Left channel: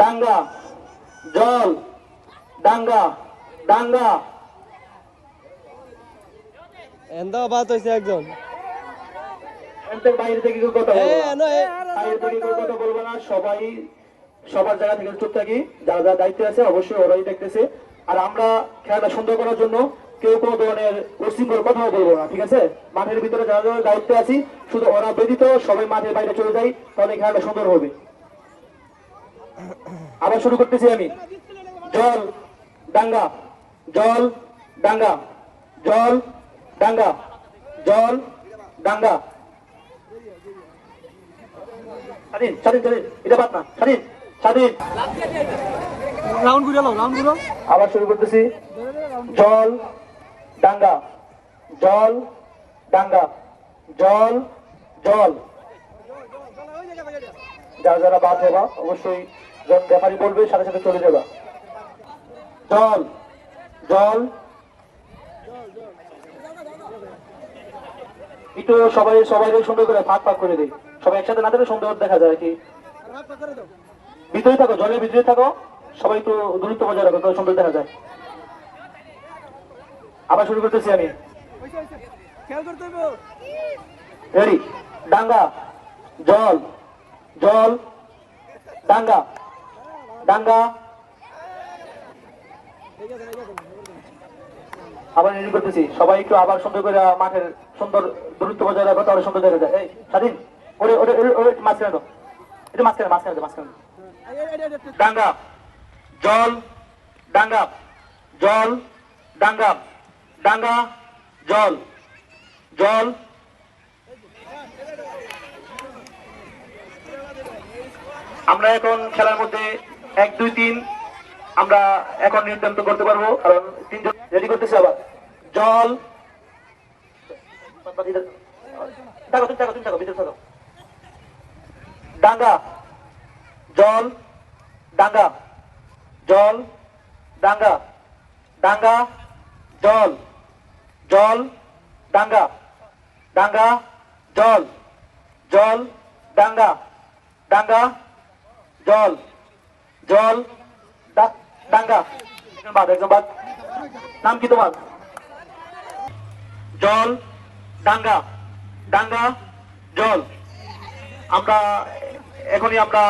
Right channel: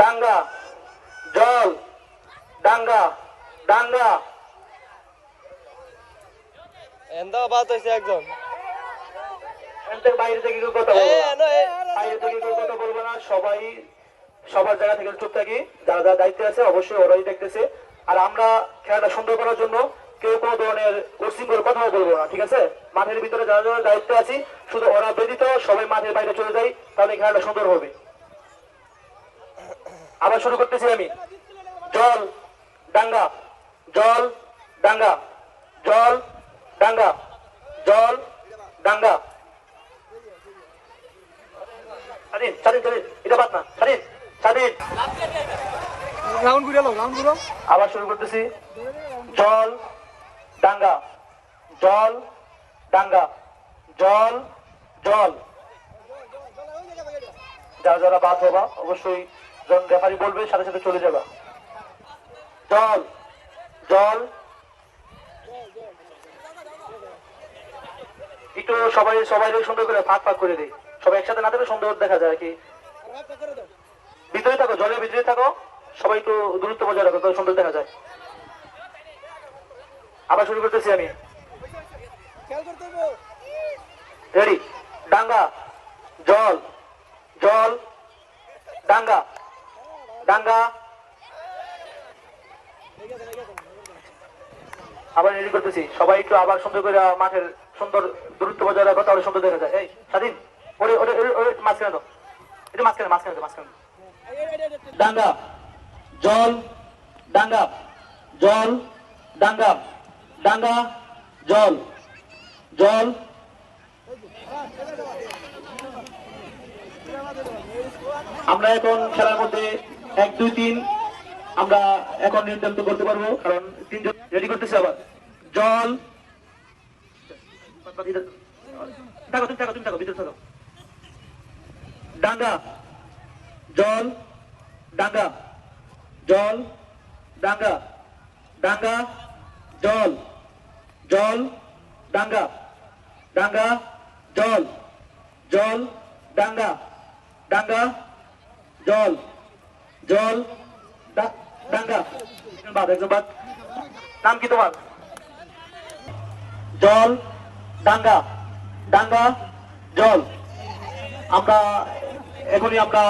ডাঙ্গা জল ডাঙ্গা ডাঙ্গা এন্দা বাত হইছে একজন বাইরে থেকে কেউ কথা বলবো না, বাইরে থেকে কেউ কথা বলবো না, সবাই সবার জায়গা থেকে চুপ থাকি। যারা যারা দায়িত্বে আছে অবশ্যই ওরাই দেখতেছে। আর আমরা খেলাটা সুন্দর করার জন্য কেউ কোনো ধরনের উশৃঙ্খল কথাও বলবো না, ঠিক আছে? মাঠের ভিতরে যারা যারা দায়িত্বে আছি শুধু ওরা ব্যতীত সবাই মাঠের বাইরে চলে যাই, তাহলে খেলাটা সুন্দর হবে। আবার শুরু করতেছি আমি। জল ডাঙ্গা জল ডাঙ্গা জল ডাঙ্গা জল ডাঙ্গা। স্বাধীন স্বাধীন স্বাধীন, এটা বাদ না, স্বাধীন স্বাধীন। আবার শুরু করতেছি। জল ডাঙ্গা জল ডাঙ্গা জল জল। যারা যারা বাদ হবা অবশ্যই যখন রেফারি বলবে সাথে সাথে চলে যাবা। জল জল। একটু সবাই সবাই সুন্দর করে ফাঁক ফাঁক করে দিই, সবাই একসাথে না থাকলে সুন্দর দেখা যায় আর কি। ভিতরে থাকো, জলের ভিতরে থাকো, সবাই একটু দূরত্ব বজায় রাখো, তাহলে সুন্দর দেখা যায়। আবার শুরু করতেছি আমি। রেডি। ডাঙ্গা জল জল ডাঙ্গা ডাঙ্গা। আবার রেডি করতেছি, সবাই একটু আবার সুন্দর করে মাঠের সুন্দর দূরত্ব বজায় রাখো, তাহলে সুন্দর দেখা যায়। এই স্বাধীন, ওরে ওরে ওরে মাঝখানে তো, এটা মাঝখানে মাঝখানে মাঝখানে। ডাঙ্গা জল ডাঙ্গা জল ডাঙ্গা ডাঙ্গা জল জল। আমরা এখন খেলার মধ্যে 1 2 3 আমরা এখন নিয়ন্ত্রণ করতে পারবো, কারণ তিনজন রেডি করতেছি। আবার জল থাকো, তুমি থাকো, তুমি থাকো, ভিতরে থাকো। ডাঙ্গা জল ডাঙ্গা জল ডাঙ্গা ডাঙ্গা জল জল ডাঙ্গা ডাঙ্গা জল জল ডাঙ্গা ডাঙ্গা জল জল ডাঙ্গা। বাদ একজন বাদ। নাম কি তোমার? জল ডাঙ্গা ডাঙ্গা জল। আমরা এখনই আমরা